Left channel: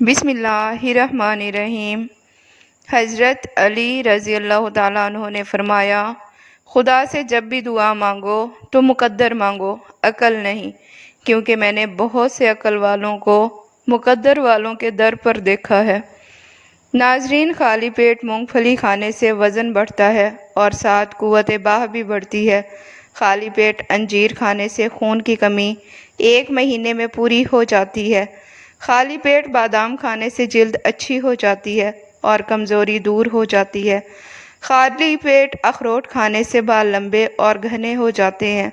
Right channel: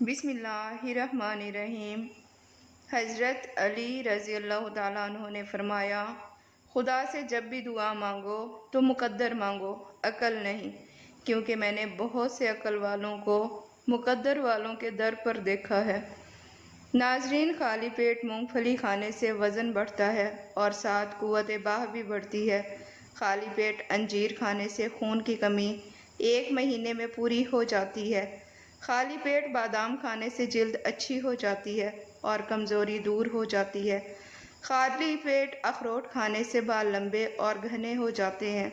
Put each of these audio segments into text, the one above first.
بسم اللہ الرحمن الرحیم۔ حضرت علی رضی اللہ تعالیٰ عنہ نے فرمایا، خدا سے جب بھی دعا مانگو تو مقدر مانگو، عقل نہیں، کیونکہ میں نے بہت سے عقل والوں کو مقدر والوں کے در پر دیکھا ہے۔ ناظرین، خالی پیٹ مونگ پھلی کھانے سے وزن بڑھتا ہے اور ساتھ قوت باہ بھی بڑھتی ہے۔ خالی پیٹ انجیر کھانے سے خون کی کمی 1 مہینے میں پوری ہو جاتی ہے۔ خالی پیٹ بادام کھانے سے جلد اچھی ہو جاتی ہے اور کمزوری دور ہو جاتی ہے۔ خالی پیٹ اخروٹ کھانے سے بال لمبے اور گھنے ہو جاتے ہیں۔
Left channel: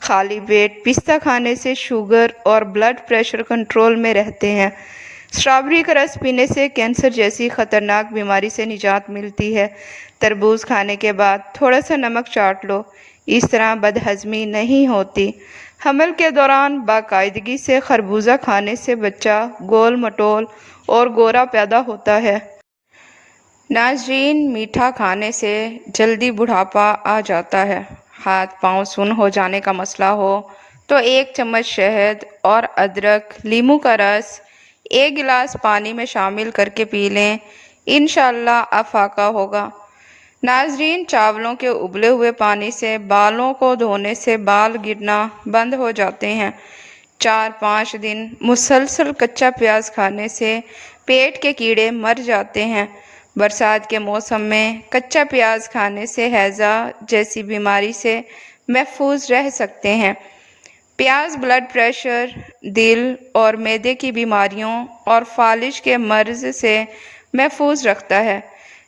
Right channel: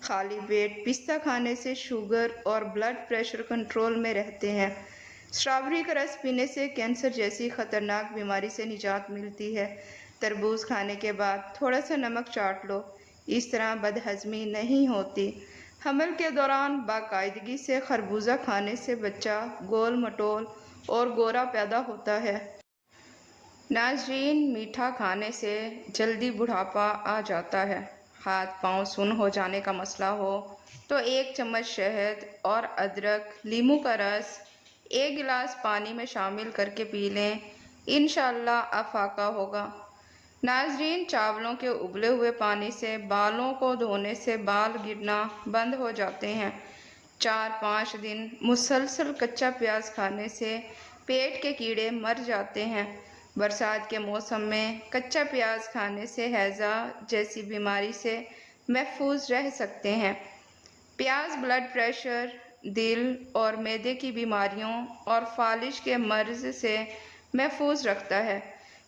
خالی پیٹ پستہ کھانے سے شوگر اور بلڈ پریشر کنٹرول میں رہتے ہیں۔ اسٹرابیری کا رس پینے سے کینسر جیسی خطرناک بیماری سے نجات ملتی ہے۔ تربوز کھانے کے بعد تھوڑا سا نمک چاٹ لو، اس طرح بدہضمی نہیں ہوتی۔ حمل کے دوران باقاعدگی سے خربوزہ کھانے سے بچہ گول مٹول اور گورا پیدا ہوتا ہے۔ ناظرین، میٹھا کھانے سے جلدی بڑھاپا آ جاتا ہے۔ ہاتھ پاؤں سن ہو جانے کا مسئلہ ہو تو 1 چمچ شہد اور ادرک لیموں کا رس 1 گلاس پانی میں شامل کر کے پی لیں، انشاءاللہ افاقہ ہوگا۔ ناظرین، چاولوں کے ابلے ہوئے پانی سے بالوں کو دھونے سے بال گرنا بند ہو جاتے ہیں۔ 4-5 دن مسلسل کچا پیاز کھانے سے پیٹ کے کیڑے مر جاتے ہیں۔ برسات کے موسم میں کچا پیاز کھانے سے ہیضہ جیسی بیماری سے محفوظ رہ سکتے ہیں۔ پیاز بلڈ پریشر، دل اور معدے کی بیماریوں اور فالج کے مرض سے محفوظ رکھتا ہے۔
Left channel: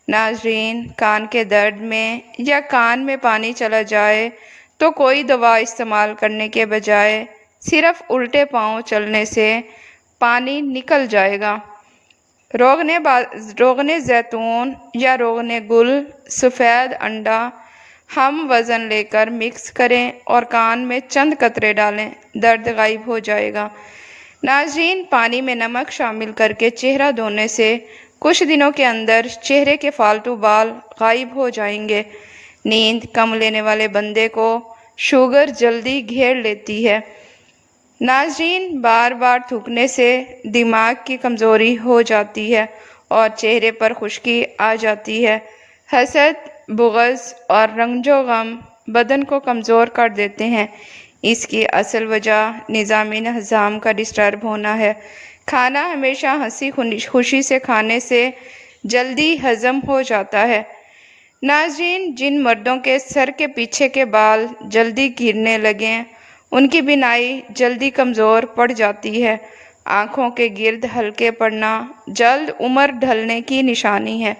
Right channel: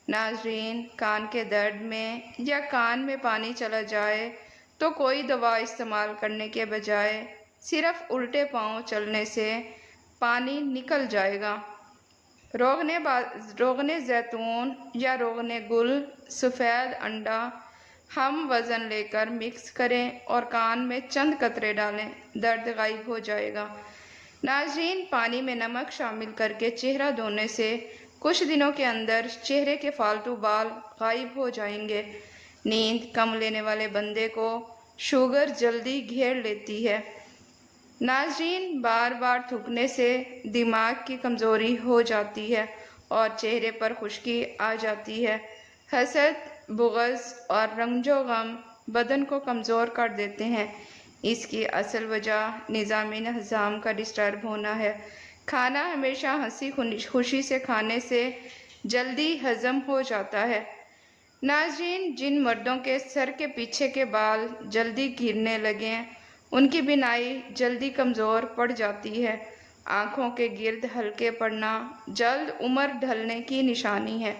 ناظرین، کان کے درد میں یا کان میں پانی چلا جائے تو کوئی دوا استعمال کرنے کے بجائے صرف الٹے پاؤں چلنے سے پانی نکل جائے گا۔ روغن زیتون یا روغن گل، سفید انڈا ہم وزن لے کر مکس کریں اور کان میں چند قطرے ڈالیں، درد غائب ہو جائے گا۔ ناظرین، پانی میں نمک شامل کر کے چہرہ دھونے سے کچھ دنوں کے اندر چہرے کے فالتو بال غائب ہو جائیں گے۔ نیند کم لینے والے بندے کو شوگر جلدی گھیر لیتی ہے۔ ناظرین، بار بار تھوکنے سے دماغ کی کمزوری ہو جاتی ہے اور چہرے پر خشکی آ جاتی ہے۔ حسد، بغض اور رنج و غم بدن کو کمزور کر دیتے ہیں۔ اس کی اصل وجہ نظام ہضم کا ڈسٹرب ہونا ہے۔ کھانا ہمیشہ ہنسی خوشی سے کھانے سے جلدی ہضم ہو جاتا ہے۔ ناظرین، جن مردوں کے سر کے پیچھے کے بال جلدی گرنے لگیں، ان کی بینائی جلدی کمزور پڑ جاتی ہے۔ آنکھوں کے گرد ہلکے پڑنا جلد عمر ڈھلنے کی نشانی ہے۔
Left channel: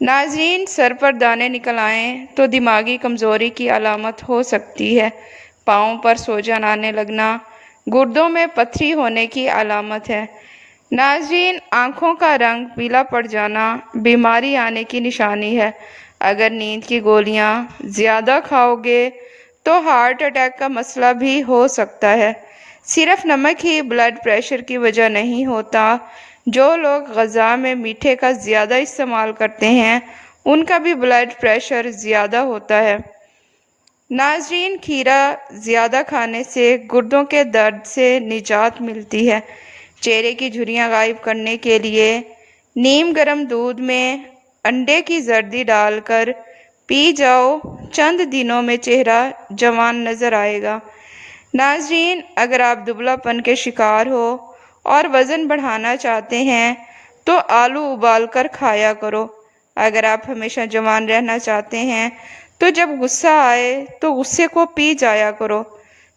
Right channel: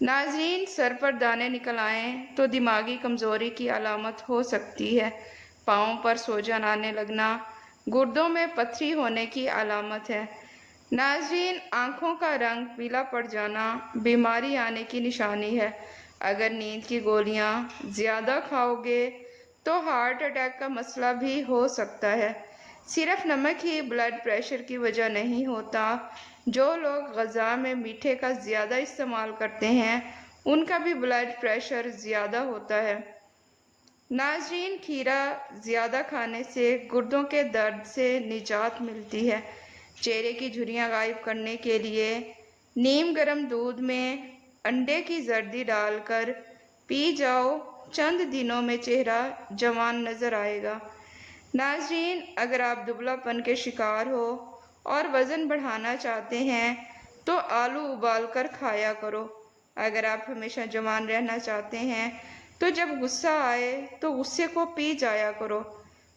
ناظرین، سر پر دانے نکل آئیں تو دماغی کمزوری کی علامت ہو سکتی ہے۔ پاؤں پر سوجن آنے لگنا گردوں میں پتھری ہونے کی علامت ہے۔ ناظرین، آنکھوں کا رنگ پیلا پڑ جانا بیماری آنے کی نشانی ہے۔ اگر نیند کی گولیاں زیادہ کھاؤ گے تو ہارٹ اٹیک کا مسئلہ بھی ہو سکتا ہے۔ صرف نمک ہی بلڈ پریشر کی وجہ نہیں ہوتا، جو لوگ غذا میں میٹھے کا زیادہ استعمال کرتے ہیں ان کا بھی بلڈ پریشر زیادہ ہوتا ہے۔ ناظرین، کھیرا زیادہ کھانے سے گردوں کے درد سے نجات ملتی ہے۔ چہرے کی جھریاں غائب کرنے کے لیے نیم گرم دودھ میں انڈے کی زردی ڈال کر پی جاؤ، چند دنوں میں چہرہ جوان نظر آئے گا۔ ناظرین، اگر آپ دبلا پن کے شکار ہو اور وزن بڑھانا چاہتے ہیں تو آلو ابال کر کھایا کرو۔ اگر آپ ہمیشہ جوان رہنا چاہتے ہیں تو جب غصہ آئے تو غصے کو پی جایا کرو۔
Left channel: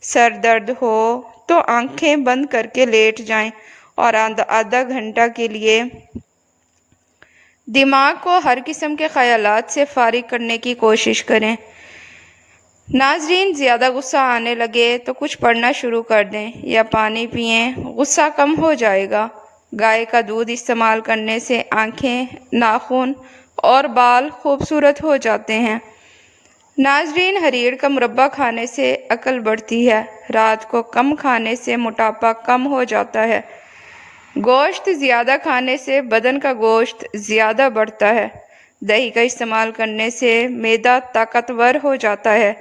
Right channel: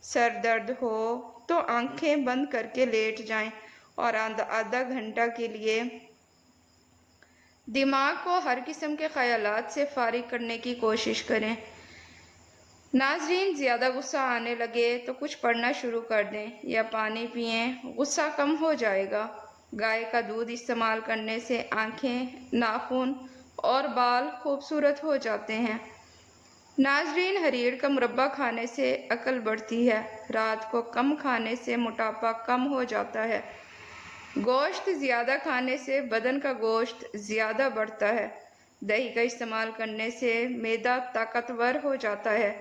سر درد ہو تو آنکھیں بند کر کے لیٹ جائیں اور آدھا گھنٹہ کے لیے دماغ کو ہر قسم کے خیالات سے فارغ کرنے کی کوشش کریں۔ ناظرین، زیادہ غصہ آنے لگے تو کچھ پڑھنا شروع کر دیں یا پانی پئیں، غصہ کم ہو جائے گا۔ گائے کا دودھ استعمال کرنے سے آنکھیں، ناخن اور بال خوبصورت ہو جاتے ہیں۔ ناظرین، ہریڑ کا مربع کھانے سے عقل بڑھتی ہے۔ رات کو کم کھانے سے موٹاپا کم ہو جاتا ہے۔ گوشت زیادہ کھانے سے بدن کا گوشت زیادہ بڑھتا ہے۔ دہی کا استعمال کرنے سے معدہ طاقتور ہو جاتا ہے۔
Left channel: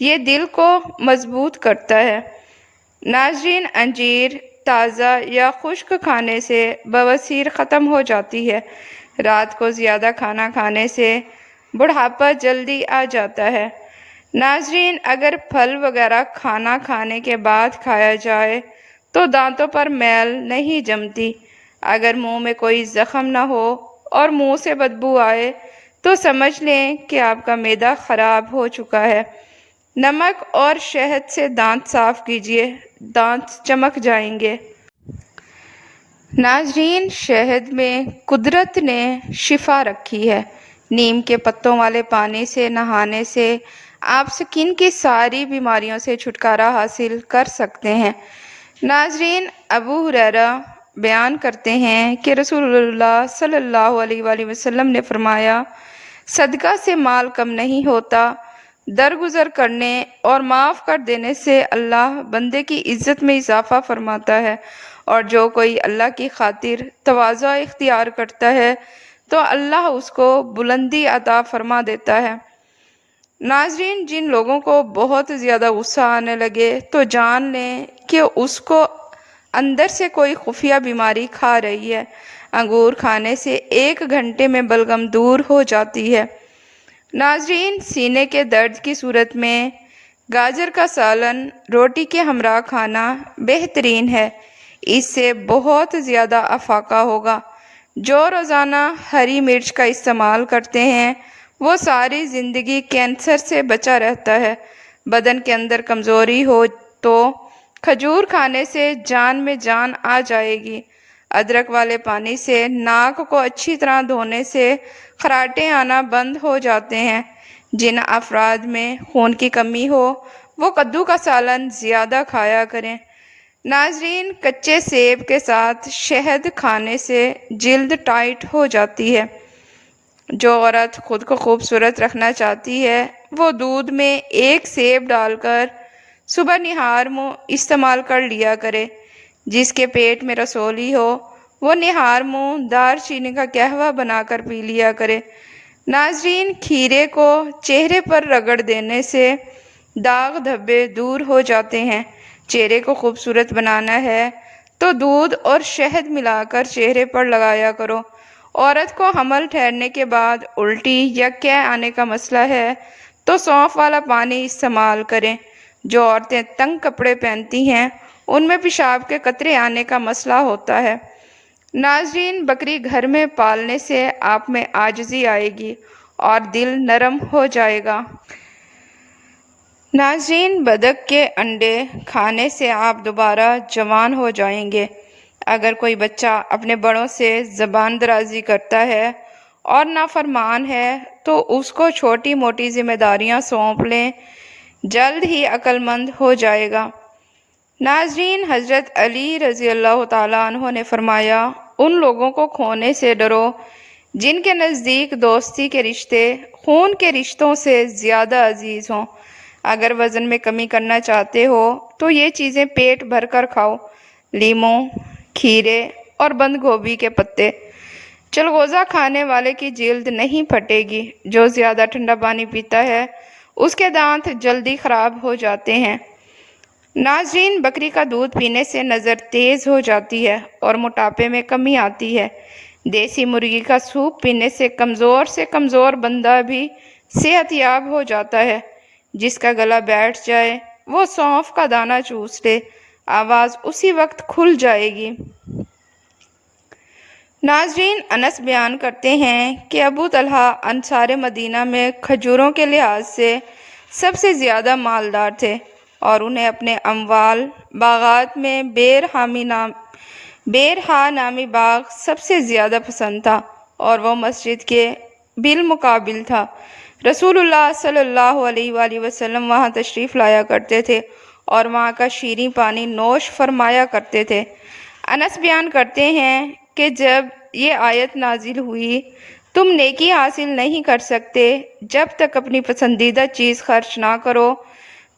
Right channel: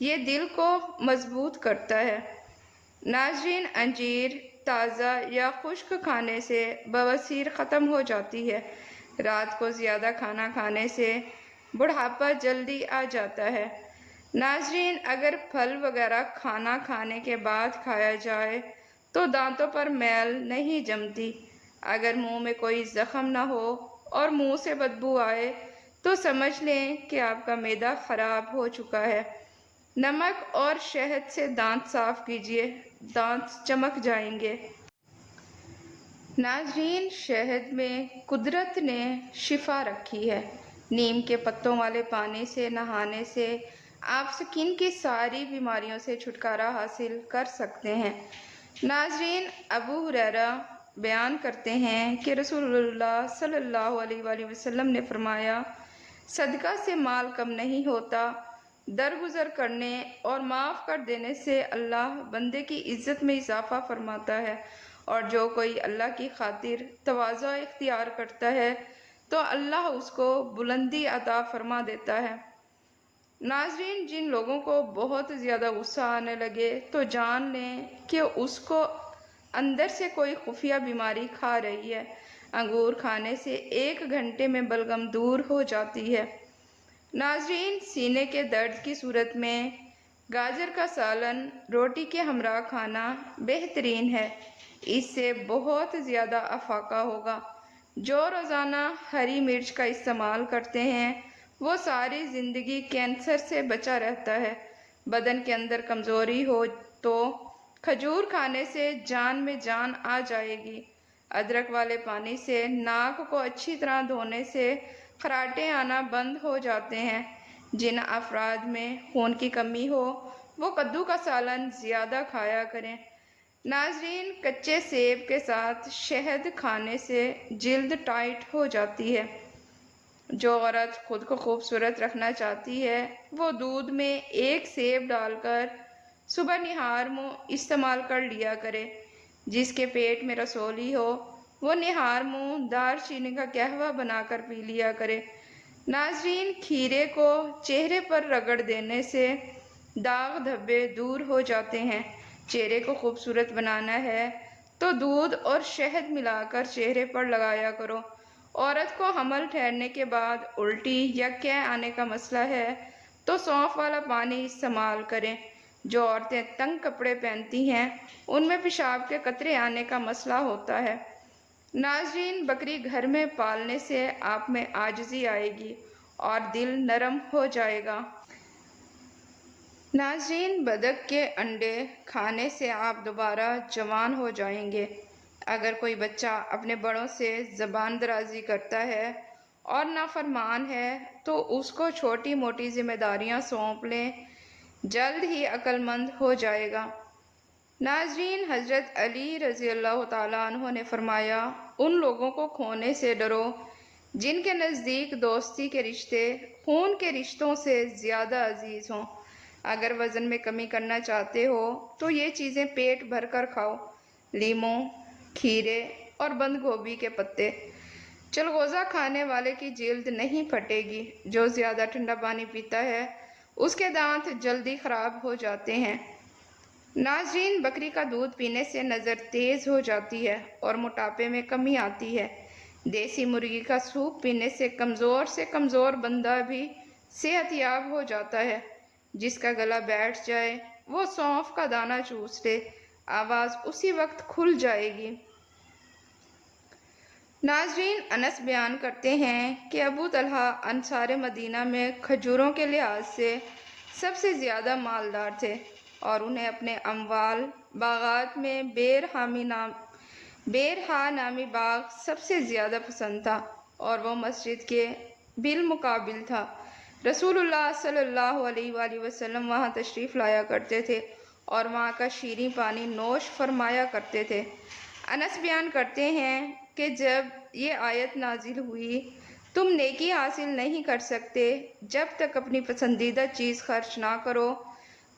یہ دل کو مضبوط کرتا ہے۔ ناظرین، انجیر تازہ یا خشک کھانے سے بواسیر ختم ہو جاتی ہے۔ رات کو زیادہ کھانا کھانے سے بڑھاپا جلدی آ جاتا ہے۔ ناظرین، اگر پھل وغیرہ کھانا کھانے کے بعد کھایا جائے تو دانتوں پر میل نہیں جمتی۔ اگر منہ میں کوئی زخم نہ ہو اور منہ سے بدبو آئے تو سمجھ لیں کہ آپ کا معدہ خراب ہو چکا ہے۔ نمک اور شہد سے دانت صاف کیجیے، دانت چمک جائیں گے۔ ناظرین، شہد میں قدرت نے شفا رکھی ہے۔ نیم کے پتوں والے پانی سے نہانے سے آپ سکن کی ساری بیماریوں سے چھٹکارا حاصل کر سکتے ہیں۔ ناظرین، ابو ہریرہ بیان کرتے ہیں کہ رسول اللہ صلی اللہ علیہ وآلہ وسلم نے فرمایا، صدقہ سے مال کم نہیں ہوتا، درگزر کرنے اور معاف کر دینے سے اللہ بندے کی عزت میں اضافہ فرماتا ہے، اور جو کوئی اللہ کی خاطر تواضع اختیار کرتا ہے تو اللہ اس کو بلندی عطا فرما دیتا ہے۔ ناظرین، جن لوگوں کو بہت زیادہ غصہ آنے لگے تو جان لیں کہ اس کو اندر سے کوئی خفیہ بیماری کھا رہی ہے۔ انگور کھانے سے 1 گھنٹے میں بلغم دور ہو جاتی ہے۔ ناظرین، سینے کے درد کی صورت میں گاجر کا سالن روٹی کے ہمراہ کھانا بہترین ہے، اس سے بہت زیادہ افاقہ ہوگا۔ جو روزانہ ہری مرچ کا استعمال کرتے ہیں وہ ساری زندگی کینسر سے بچا رہتا ہے۔ بدن کے اندر کمزوری ہو تو کھجور کھانے سے جان میں جان آ جائے گی۔ ادرک والے پانی سے ناک کو اچھی طرح دھونے سے خراٹے آنا بند ہو جاتے ہیں۔ جن افراد میں خون کی کمی ہو وہ کدو کا سالن زیادہ کھایا کریں۔ ناظرین، کچے سیب کے ساتھ شہد کھانے سے جلد ٹائٹ ہو جاتی ہے۔ جو عورت خود کو خوبصورت رکھنا چاہتی ہے وہ دودھ میں 1 سیب ڈال کر صبح نہار منہ استعمال کر لیا کرے۔ جس کے پیٹ میں رسولی ہو وہ نہار منہ دار چینی کا قہوہ بنا کر پی لیا کرے۔ ناظرین، کھیرے کو چہرے پر رگڑ دینے سے داغ دھبے دور ہو جاتے ہیں۔ چہرے کو خوبصورت بنانا ہے تو دودھ اور شہد ملا کر چہرے پر لگایا کرو۔ عورت کو حمل ٹھہرنے کے بعد الٹی یا قے آنے کا مسئلہ ہے تو سونف والا پانی استعمال کریں۔ جو عورتیں تنگ کپڑے پہنتی ہیں ان میں پیشاب کے قطرے آنے کا مسئلہ ہوتا ہے۔ ناظرین، بکری گھر میں پالنے سے آپ میں عاجزی آئے گی اور دل نرم ہو جائے گا۔ ناظرین، بطخ کے انڈے کھانے سے آپ دوبارہ جوان ہو جائیں گے۔ اگر کوئی بچہ اپنے بڑوں سے زبان درازی کرتا ہے اور نافرمان ہے تو اس کو چھوٹی موٹی ذمہ داریاں سونپ لیں، جلد ہی عقل مند ہو جائے گا۔ ناظرین، حضرت علی رضی اللہ تعالیٰ عنہ نے فرمایا، ان لوگوں کو کھونے سے ڈرو جن کے نزدیک دوستی کے رشتے خون کے رشتوں سے زیادہ عزیز ہوں۔ اگر وزن میں کمی کرنا چاہتے ہو تو یہ چیزیں پیٹ بھر کر کھاؤ: لیموں، کھیرے اور بند گوبھی کے پتے۔ چلغوزہ کھانے والے کی جلد نہیں پھٹے گی۔ جو زیادہ ٹھنڈا پانی پیتا ہے اس کے دانت جلدی خراب ہو جاتے ہیں۔ ناظرین، بکری کا دودھ پینے سے نظر تیز ہو جاتی ہے اور موٹاپے میں کمی آتی ہے۔ دیسی مرغی کا سوپ پینے سے کمزور بندہ بھی صحت یاب ہو جاتا ہے۔ جس کا گلا بیٹھ جائے وہ سونف کا دانہ چوس لے، آواز اسی وقت کھل جائے گی۔ ناظرین، انس بیان کرتے ہیں کہ ابو طلحہ انصار مدینہ میں کھجوروں کے لحاظ سے سب سے زیادہ مالدار تھے اور انہیں اپنے اموال باغات میں بیرہا نامی باغ سب سے زیادہ پسند تھا اور وہ مسجد کے بالمقابل تھا۔ رسول اللہ صلی اللہ علیہ وآلہ وسلم وہاں تشریف لایا کرتے تھے اور وہاں کا شیریں پانی نوش فرمایا کرتے تھے۔ انس بیان کرتے ہیں کہ جب یہ آیت نازل ہوئی، تم نیکی حاصل نہیں کر سکتے جب تک اپنی پسندیدہ چیز خرچ نہ کرو،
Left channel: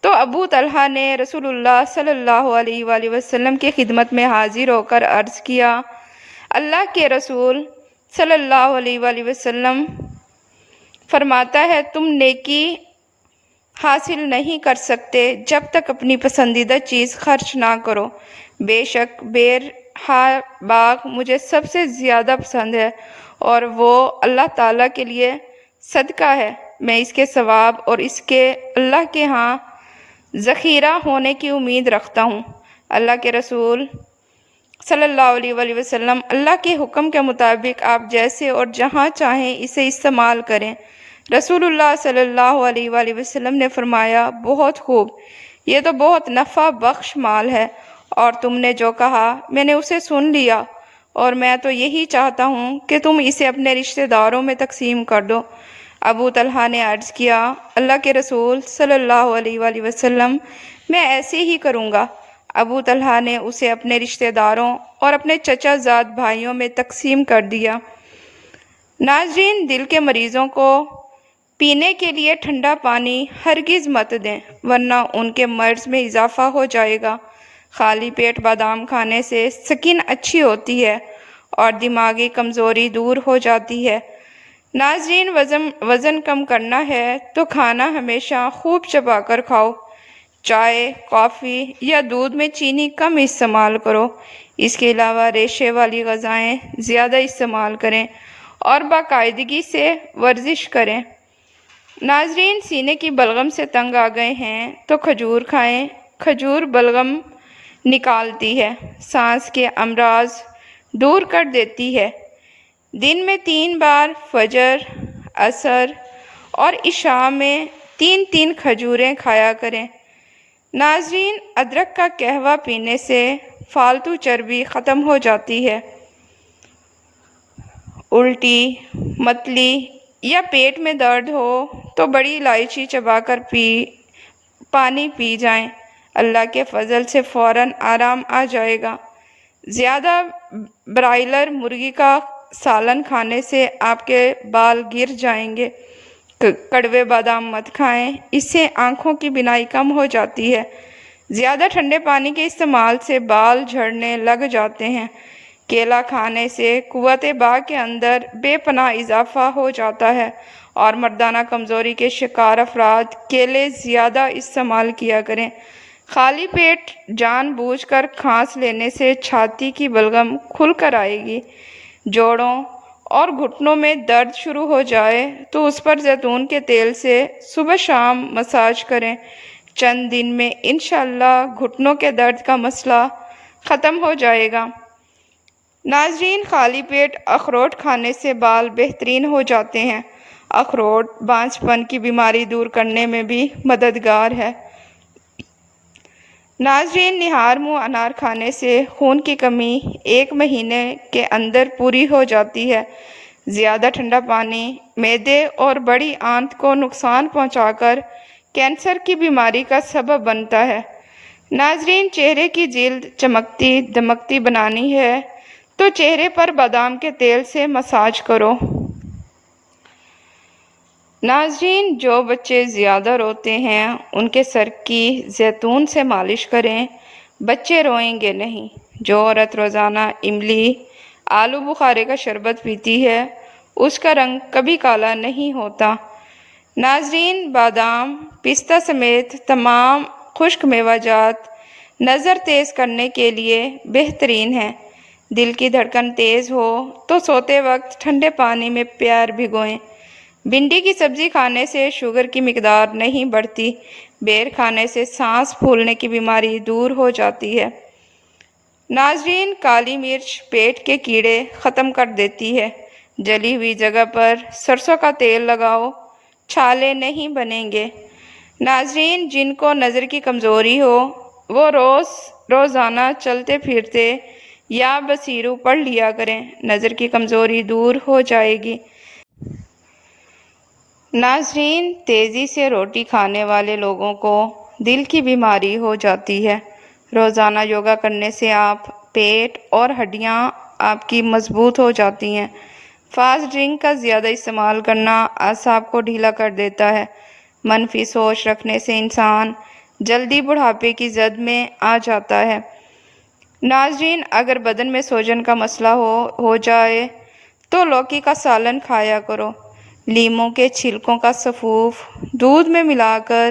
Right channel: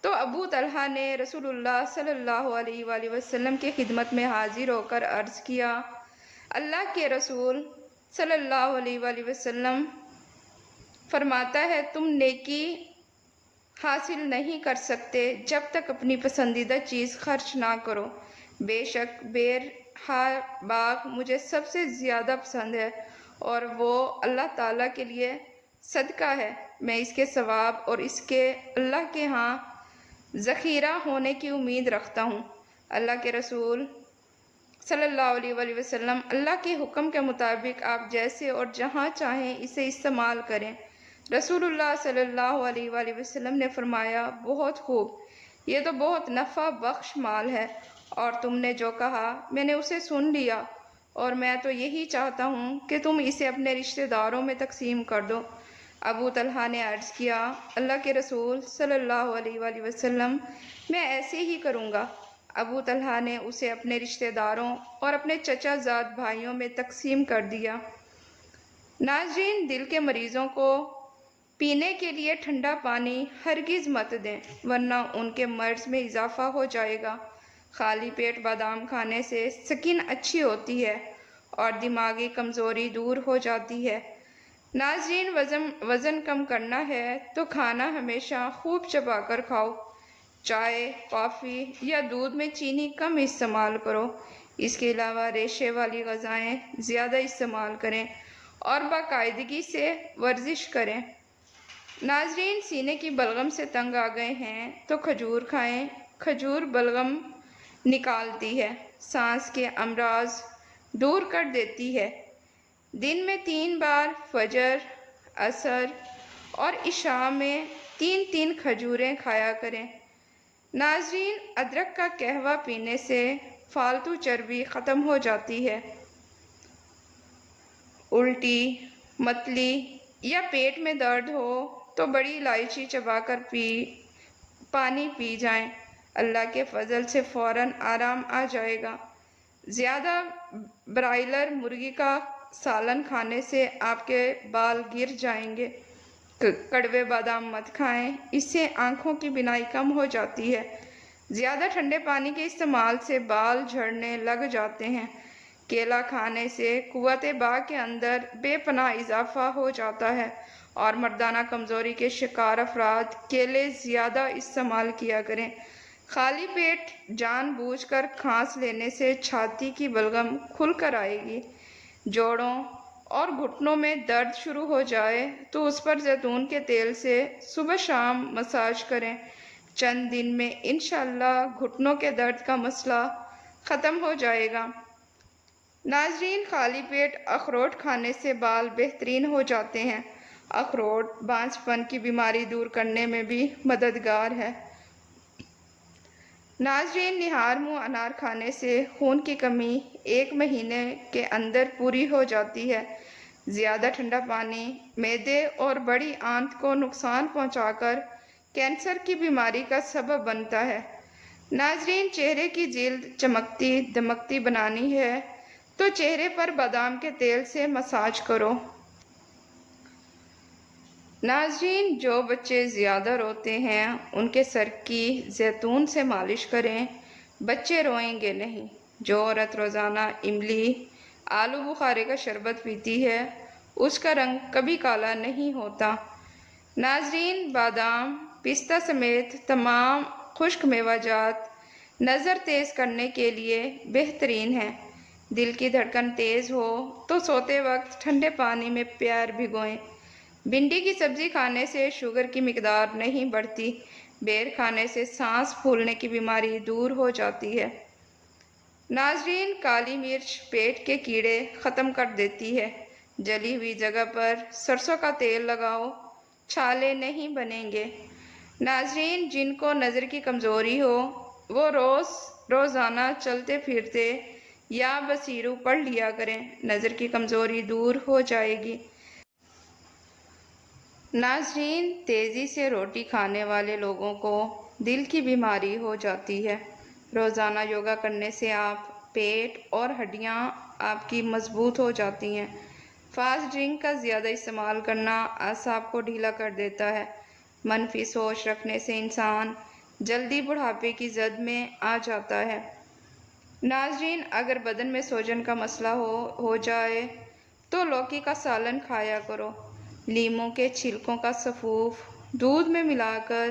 تو ابو طلحہ نے رسول اللہ صلی اللہ علیہ وآلہ وسلم کی خدمت میں حاضر ہو کر عرض کیا، اللہ کے رسول صلی اللہ علیہ وآلہ وسلم فرماتا ہے تم نیکی حاصل نہیں کر سکتے جب تک اپنی پسندیدہ چیز خرچ نہ کرو۔ بے شک بیرہا باغ مجھے سب سے زیادہ پسند ہے اور وہ اللہ تعالیٰ کے لیے صدقہ ہے۔ میں اس کے ثواب اور اس کے اللہ کے ہاں ذخیرہ ہونے کی امید رکھتا ہوں۔ اللہ کے رسول صلی اللہ علیہ وآلہ وسلم اللہ کے حکم کے مطابق آپ جیسے اور جہاں چاہیں اسے استعمال کریں۔ رسول اللہ صلی اللہ علیہ وآلہ وسلم نے فرمایا، بہت خوب، یہ تو بہت نفع بخش مال ہے، اور تم نے جو کہا میں نے اسے سن لیا، اور میں تو یہی چاہتا ہوں کہ تم اسے اپنے رشتہ داروں میں تقسیم کر دو۔ ابو طلحہ نے عرض کیا، اللہ کے رسول صلی اللہ علیہ وآلہ وسلم میں ایسے ہی کروں گا۔ ابو طلحہ نے اسے اپنے رشتہ داروں اور اپنے چچا زاد بھائیوں میں تقسیم کر دیا۔ ناظرین، دل کے مریضوں کو پینے کے لیے ٹھنڈا پانی ہرگز مت دیں، ورنہ ان کے مرض میں اضافہ ہو جائے گا۔ خالی پیٹ بادام کھانے سے سکن اچھی ہوتی ہے اور دماغی کمزوری دور ہو جاتی ہے۔ ناظرین، وزن کم کرنا ہے تو کھانا ہمیشہ خوب چبا کر کھاؤ۔ چائے، کافی یا دودھ میں چینی کم استعمال کرو۔ اس کے علاوہ ریشے والی غذائیں زیادہ استعمال کریں اور باقاعدگی سے ورزش کریں۔ ناظرین، سینے کی بلغم سے تنگ آ گئے ہیں تو کھجور کھائیں۔ کھجور بلغم نکالتی ہے، سانس کے امراض دور کر دیتی ہے۔ دن میں 3 بار فجر، عصر اور عشاء میں 3 کھجوریں کھایا کریں۔ ناظرین، ادرک کا قہوہ پینے سے فالتو چربی ختم ہو جاتی ہے۔ الٹی، متلی یا پیٹ میں درد ہو تو بڑی الائچی چبا کر پانی پی جائیں، اللہ کے فضل سے فوراً آرام آ جائے گا۔ زیادہ برائلر مرغی کا سالن کھانے سے آپ کے بال گر جائیں گے۔ کڑوے بادام مت کھائیں، اس سے آنکھوں کی بینائی کم ہو جاتی ہے۔ زیادہ ٹھنڈے پانی کے استعمال سے بال جھڑنے لگ جاتے ہیں۔ کیلا کھانے سے قوت باء کے اندر بے پناہ اضافہ ہو جاتا ہے، اور مردانہ کمزوری کے شکار افراد کیلے زیادہ استعمال کیا کریں۔ خالی پیٹ جان بوجھ کر کھانس لینے سے چھاتی کی بلغم کھل کر آئے گی۔ جوڑوں اور گھٹنوں میں درد شروع ہو جائے تو اس پر زیتون کے تیل سے صبح شام مساج کریں۔ چند دن میں انشاءاللہ گھٹنوں کے درد کا مسئلہ ختم ہو جائے گا۔ ناظرین، خالی پیٹ اخروٹ کھانے سے بال بہترین ہو جاتے ہیں۔ اخروٹ بانجھ پن کی بیماری دور کرنے میں بھی مددگار ہے۔ ناظرین، نہار منہ انار کھانے سے خون کی کمی 1 مہینے کے اندر پوری ہو جاتی ہے۔ زیادہ ٹھنڈا پانی معدے اور بڑی آنت کو نقصان پہنچا کر کینسر کی بیماری کا سبب بنتا ہے۔ ناظرین، چہرے کی جلد چمکتی دمکتی بنانی ہے تو چہرے پر بادام کے تیل سے مساج کرو۔ ناظرین، جو بچے زیادہ روتے ہیں ان کے سر کی زیتون سے مالش کریں، بچے روئیں گے نہیں۔ جو عورت روزانہ املی، آلو بخارے کا شربت پیتی ہے اس کا رنگ کبھی کالا نہیں ہوتا۔ ناظرین، بادام، پستہ سمیت تمام خشک میوہ جات نظر تیز کرنے کے لیے بہترین ہیں۔ دل کی دھڑکن تیز ہو تو سوتے وقت ٹھنڈے پانی میں پیر بھگوئیں۔ بھنڈی کی سبزی کھانے سے شوگر کی مقدار نہیں بڑھتی۔ بیر کھانے سے سانس پھولنے کی بیماری دور ہو جاتی ہے۔ ناظرین، کالی مرچ پیٹ کے کیڑے ختم کر دیتی ہے۔ جلی ہوئی جگہ پر سرسوں کا تیل لگاؤ، چھالے نہیں بنیں گے۔ ناظرین، جن کو نظر کی کمزوری ہو وہ روزانہ چلتے پھرتے یا بصیرو پڑھ لیا کریں، نظر کی کمزوری دور ہو جائے گی۔ ناظرین، تیزی سے روٹی کھانے والے لوگوں کو دل کی بیماری ہو جاتی ہے۔ روزانہ یوگا کرنے سے آپ پیٹ اور ہڈیاں آپ کی مضبوط ہو جاتی ہیں۔ فاسٹ ڈرنک کا زیادہ استعمال کرنا اعصاب کو ڈھیلا کر دیتا ہے۔ منفی سوچ رکھنے سے انسان جلدی بڑھاپے کی زد میں آ جاتا ہے۔ ناظرین، اگر بدن میں سوجن کا مسئلہ ہو جائے تو لوکی کا سالن کھایا کرو۔ لیموں کے چھلکوں کا سفوف دودھ میں ملا کر